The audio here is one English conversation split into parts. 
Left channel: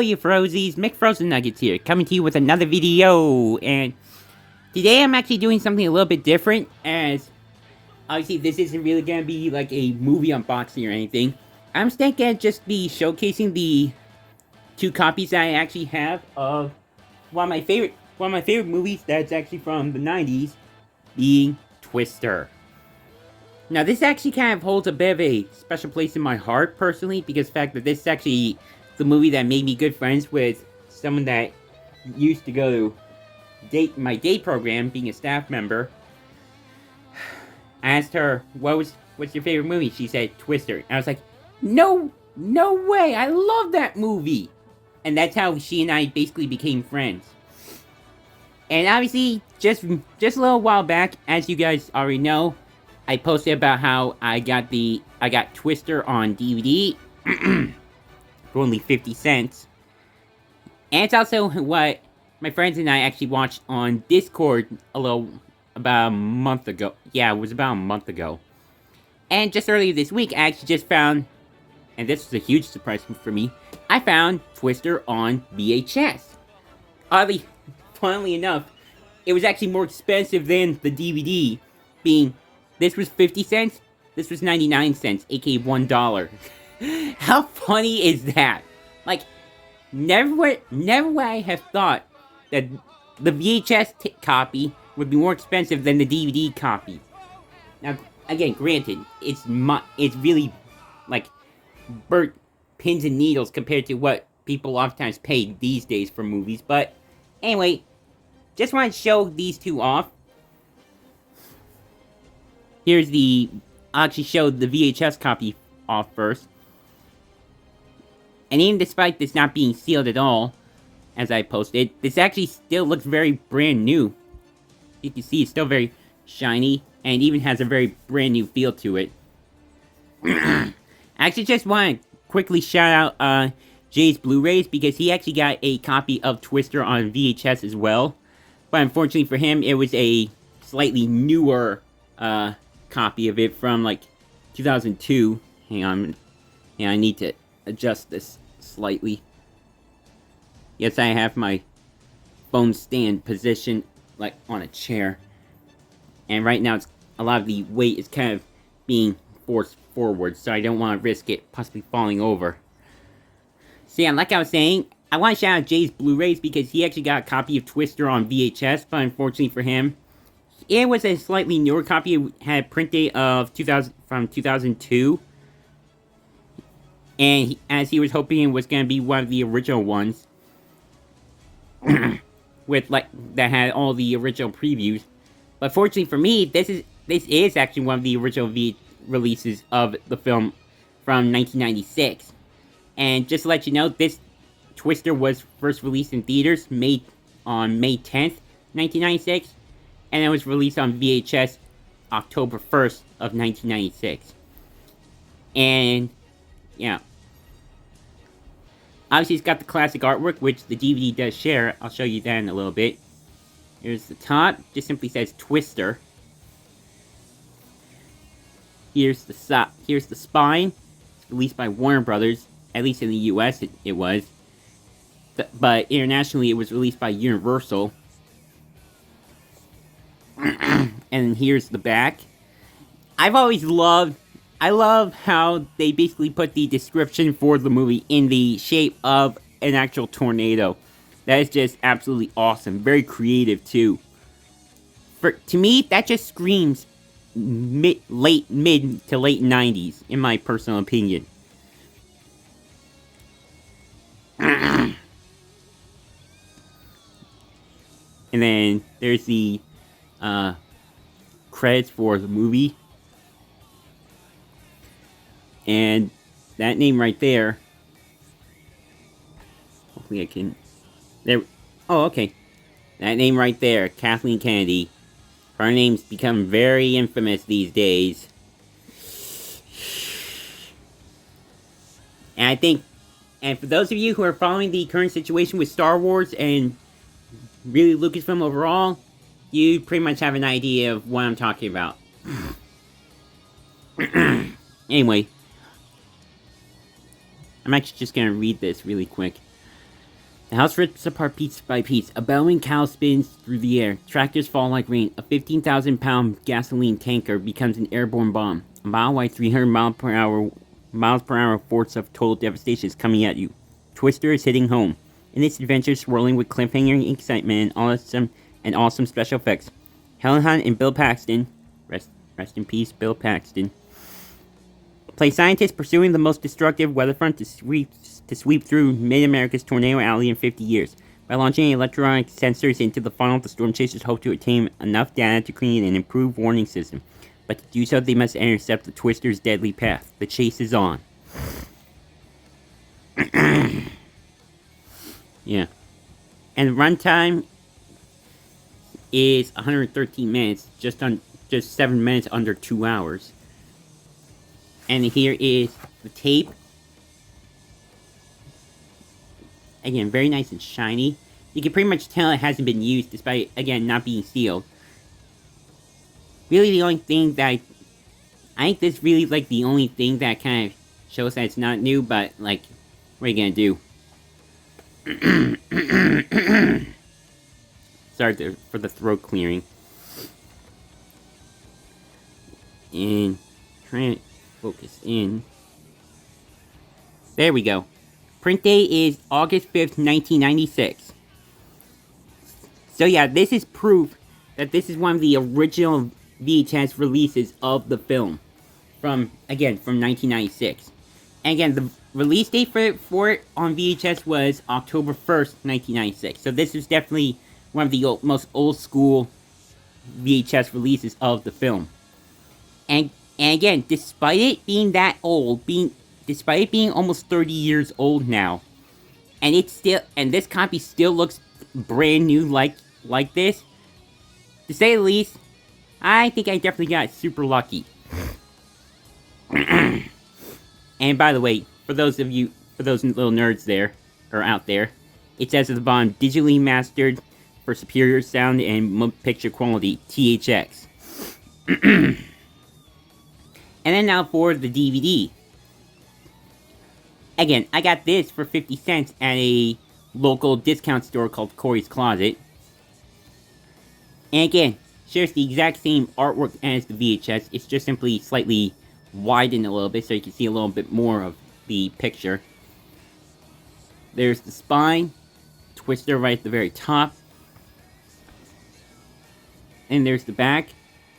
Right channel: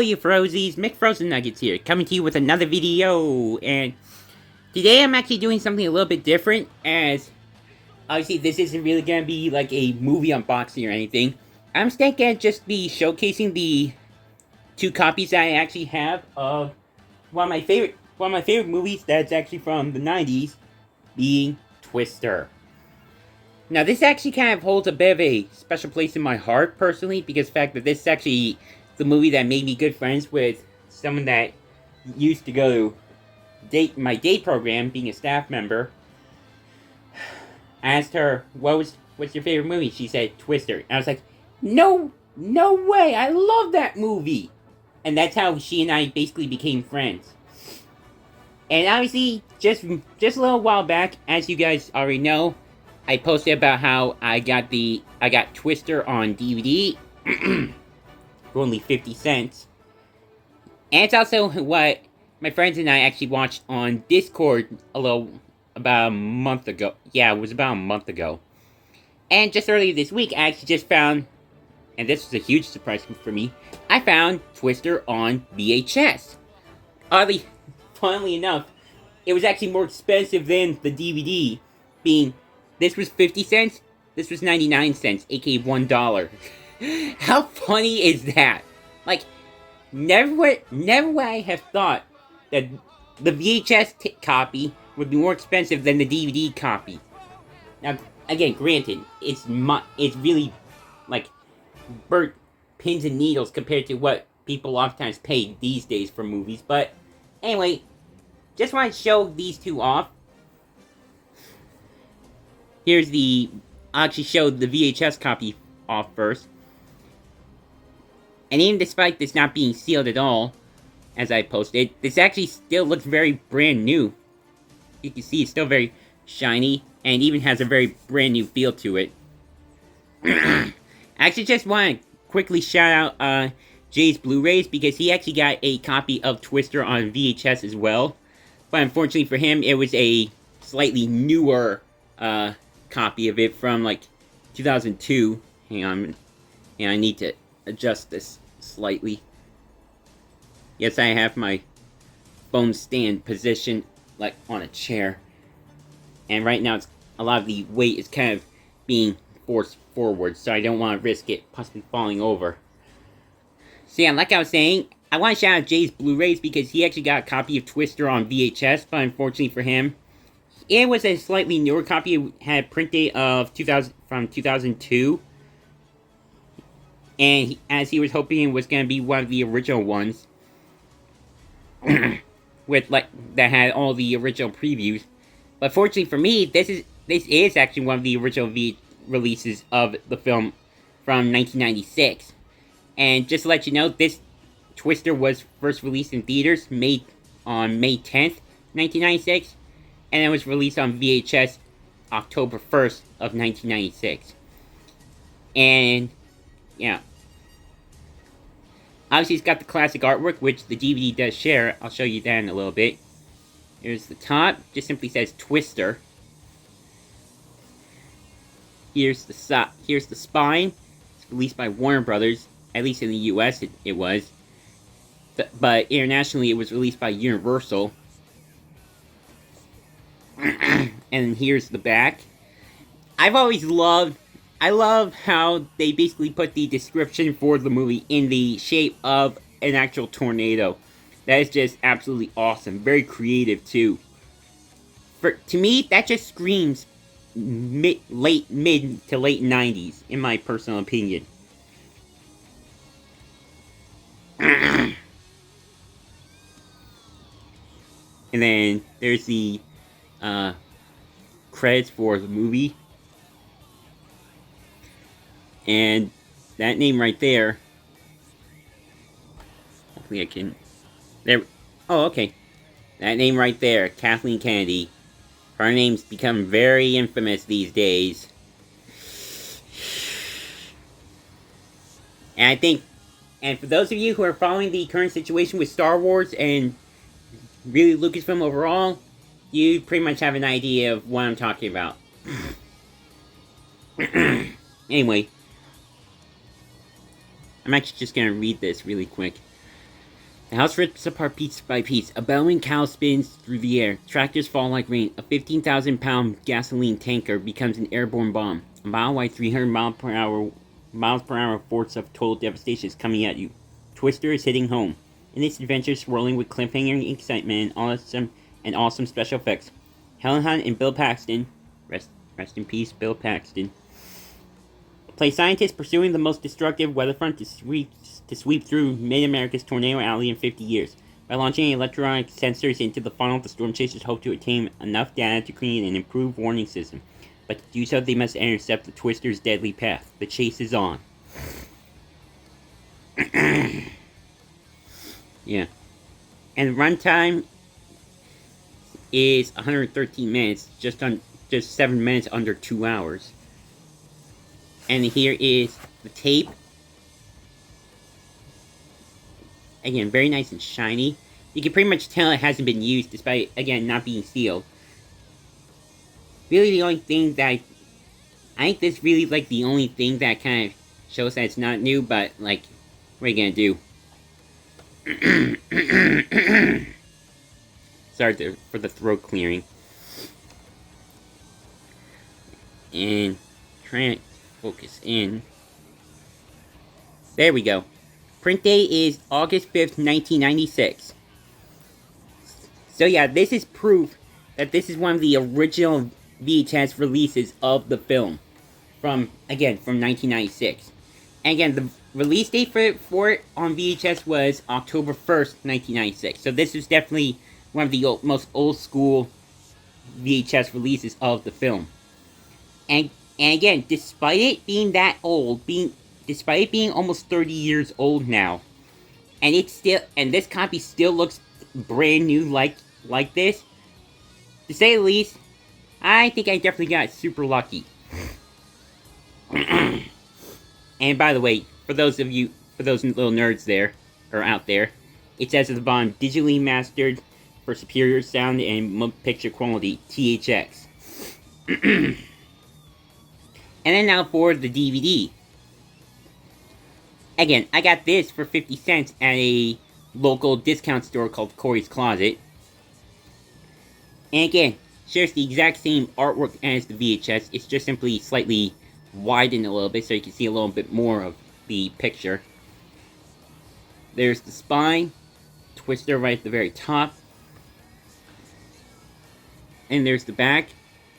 Hello, you Frozies, McFrozen Nuggets here, coming to you with another video, and today I'm actually doing something a little bit different, as obviously this isn't really gonna be like a movie unboxing or anything. I'm instead gonna just be showcasing the two copies that I actually have of one of my favorite movies that's actually from the 90s, being Twister. Now, this actually kind of holds a bit of a special place in my heart, personally, because the fact that this is actually the movie that made me good friends with someone that used to go to my day program, being a staff member. I asked her, what's your favorite movie? She said, Twister. And I was like, no way, I love that movie! And that's how she and I basically became friends. And obviously, just a little while back, as you guys already know, I posted about how I got Twister on DVD for only 50 cents. And it's also what my friends and I actually watched on Discord about a month ago. Yeah, it was about a month ago. And just earlier this week, I actually just found, and this was a huge surprise for me, I found Twister on VHS. Oddly, funnily enough, it was actually more expensive than the DVD, being this was 50 cents, this was 99 cents, aka $1. How funny is that? Like, never would I have thought that the VHS copy would be more expensive than the DVD copy. Now, again, granted, it's really, like, burnt pins and needles compared to what people oftentimes pay these days for movies, but anyway, just want to show these two off. I'll actually show the VHS copy off first. And even despite this not being sealed at all, as I posted, this actually still looks very brand new. You can see it's still very shiny, and even has a very brand new feel to it. I actually just want to quickly shout out Jay's Blu-rays, because he actually got a copy of Twister on VHS as well. But unfortunately for him, it was a slightly newer copy of it from like 2002. Hang on, I need to adjust this slightly. Yes, I have my phone stand positioned like on a chair, and right now a lot of the weight is kind of being forced forward, so I don't want to risk it possibly falling over. So yeah, like I was saying, I want to shout out Jay's Blu-rays because he actually got a copy of Twister on VHS, but unfortunately for him, it was a slightly newer copy. It had a print date of 2002. And as he was hoping it was going to be one of the original ones, that had all the original previews. But fortunately for me, this is actually one of the original releases of the film from 1996. And just to let you know, this Twister was first released in theaters on May 10th, 1996. And it was released on VHS October 1st of 1996. And, yeah. Obviously, it's got the classic artwork, which the DVD does share. I'll show you that in a little bit. Here's the top. Just simply says Twister. Here's the spine. It's released by Warner Brothers. At least in the US, it was. But internationally, it was released by Universal. And here's the back. I love how they basically put the description for the movie in the shape of an actual tornado. That is just absolutely awesome. Very creative, too. To me, that just screams mid to late 90s, in my personal opinion. And then there's the credits for the movie. And that name right there. Hopefully I can. There. Oh, okay. That name right there, Kathleen Kennedy. Her name's become very infamous these days. And I think, and for those of you who are following the current situation with Star Wars and really Lucasfilm overall, you pretty much have an idea of what I'm talking about. Anyway, I'm actually just gonna read this really quick. The house rips apart piece by piece. A bellowing cow spins through the air. Tractors fall like rain. A 15,000-pound gasoline tanker becomes an airborne bomb. A mile wide, 300 miles per hour force of total devastation is coming at you. Twister is hitting home. In this adventure, swirling with cliffhanger excitement and awesome special effects, Helen Hunt and Bill Paxton, rest in peace, Bill Paxton, play scientists pursuing the most destructive weatherfront to sweep through Mid-America's Tornado Alley in 50 years. By launching electronic sensors into the funnel, the storm chasers hope to obtain enough data to create an improved warning system. But to do so, they must intercept the Twister's deadly path. The chase is on. Yeah. And runtime is 113 minutes, just 7 minutes under 2 hours. And here is the tape. Again, very nice and shiny. You can pretty much tell it hasn't been used, despite, again, not being sealed. Really, the only thing that I think this really, like, the only thing that kind of shows that it's not new, but, like, what are you gonna do? Sorry for the throat clearing. And trying to focus in. There we go. Print date is August 5th, 1996. So yeah, this is proof that this is one of the original VHS releases of the film. From 1996. And again, the release date for it on VHS was October 1st, 1996. So this was definitely one of the most old school VHS releases of the film. And again, despite it being that old, despite it being almost 30 years old now, and this copy still looks brand new like this, to say the least, I think I definitely got super lucky. And by the way, for those little nerds there, or out there, it says at the bottom, digitally mastered for superior sound and picture quality, THX. And then now for the DVD. Again, I got this for 50 cents at a local discount store called Corey's Closet. And again, shares the exact same artwork as the VHS. It's just simply slightly widened a little bit so you can see a little bit more of the picture. There's the spine, Twister right at the very top. And there's the back.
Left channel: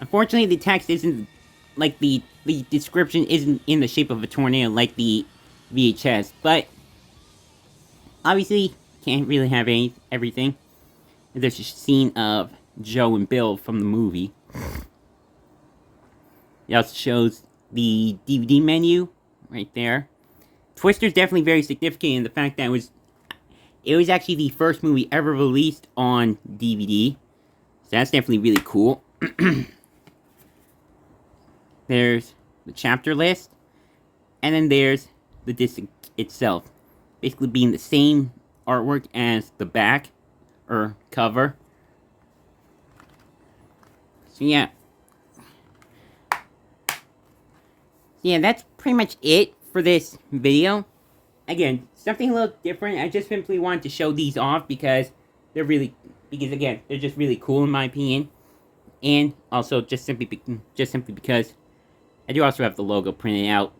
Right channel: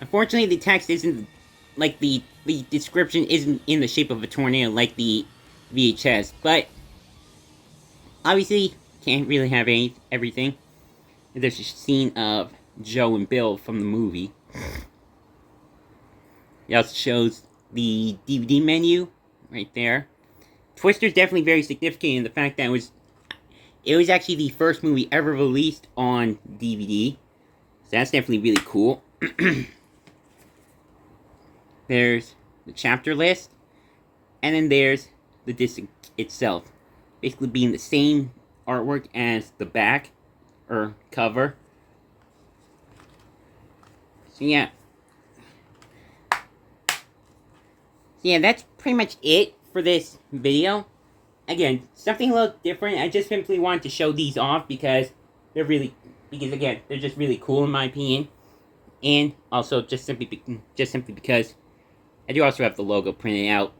Unfortunately, the text isn't, like, the description isn't in the shape of a tornado like the VHS, but obviously can't really have everything. There's a scene of Joe and Bill from the movie. It also shows the DVD menu right there. Twister's definitely very significant in the fact that it was actually the first movie ever released on DVD. So that's definitely really cool. There's the chapter list. And then there's the disc itself. Basically being the same artwork as the back, or cover. So yeah. Yeah, that's pretty much it for this video. Again, something a little different. I just simply wanted to show these off because they're again, they're just really cool in my opinion. And also just simply because I do also have the logo printed out.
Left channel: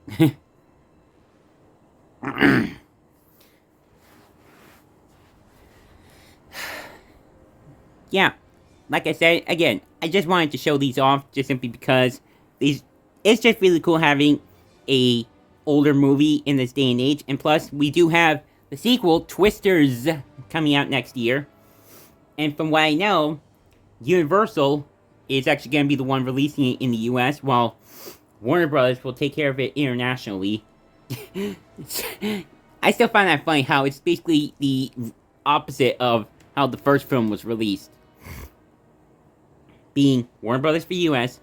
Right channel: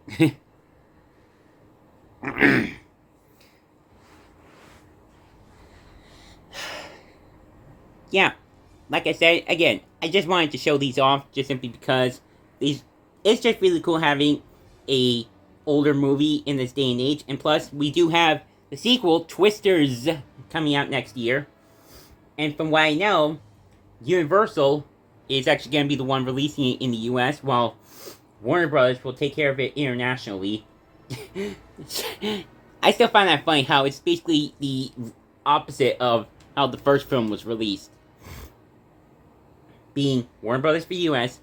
Yeah, like I said, again, I just wanted to show these off just simply because it's just really cool having a older movie in this day and age. And plus, we do have the sequel, Twisters, coming out next year. And from what I know, Universal is actually going to be the one releasing it in the US, while Warner Brothers will take care of it internationally. I still find that funny how it's basically the opposite of how the first film was released. Being Warner Brothers for US,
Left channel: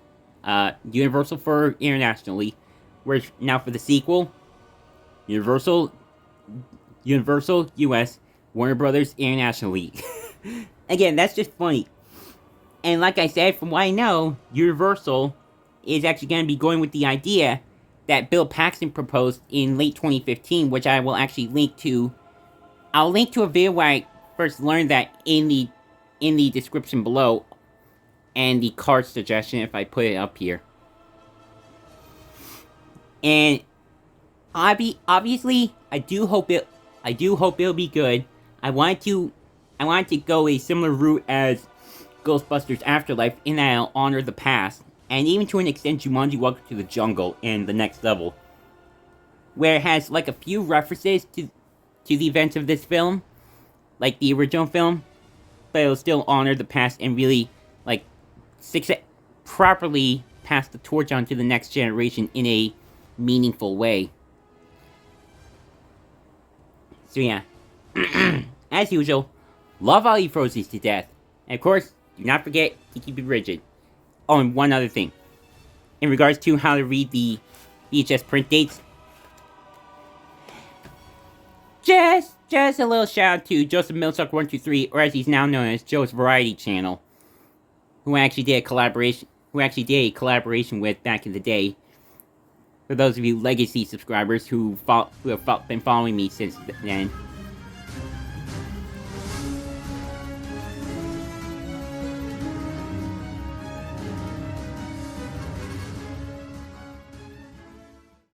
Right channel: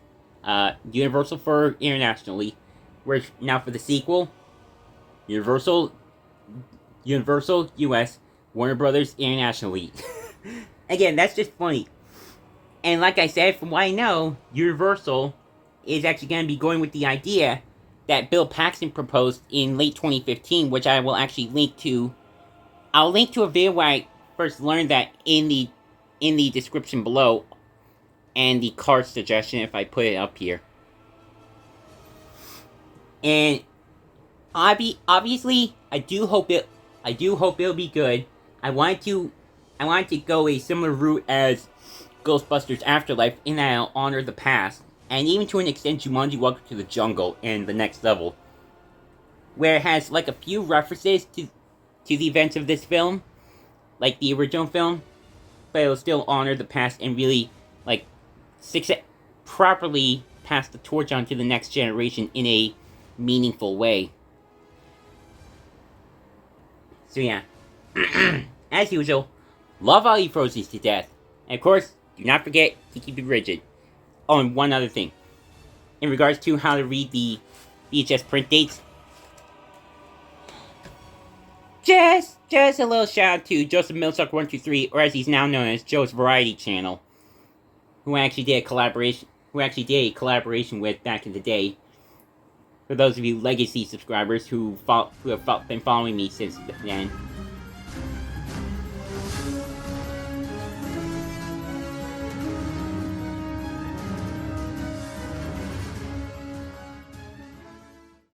Universal for internationally, whereas now for the sequel, Universal US, Warner Brothers internationally. Again, that's just funny. And like I said, from what I know, Universal is actually going to be going with the idea that Bill Paxton proposed in late 2015, which I will actually link to I'll link to a video where I first learned that in the description below, and the card suggestion if I put it up here. And obviously, I do hope it'll be good. I wanted to go a similar route as Ghostbusters Afterlife, in that I'll honor the past, and even to an extent Jumanji Welcome to the Jungle in the next level, where it has like a few references to the events of this film, like the original film, but it'll still honor the past and really like properly pass the torch on to the next generation in a meaningful way. So yeah, as usual, love all you Frozzies to death. And of course, do not forget to keep it rigid. Oh, and one other thing. In regards to how to read the VHS print dates, just a little shout out to Joseph Millsuck123, or as he's now known as Joe's Variety Channel, who I actually did a collaboration with back in the day. For those of you legacy subscribers who have been following me since then.